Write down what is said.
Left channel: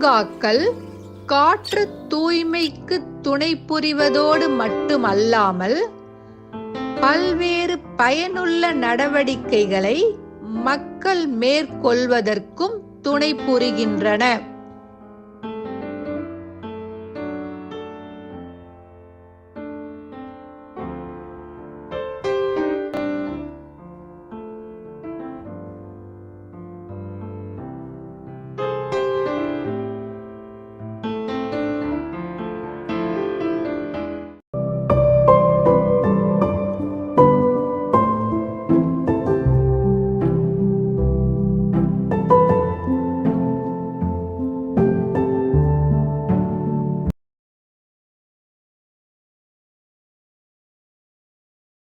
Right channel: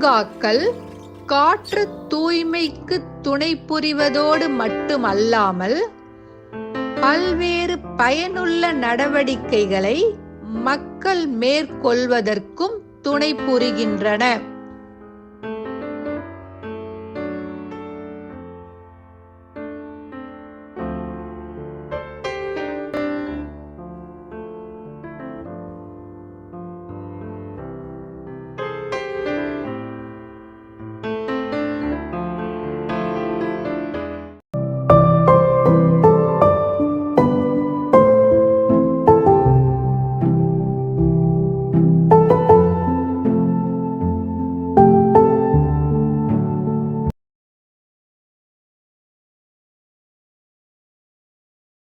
பூங்காக்கள் காற்று தூய்மைக்கு துணை புரிவதோடு மட்டுமல்லாமல் பல்வேறு பயனுள்ள நடவடிக்கைகளை மக்கள் மேற்கொள்வதற்கும் துணை புரிகின்றன.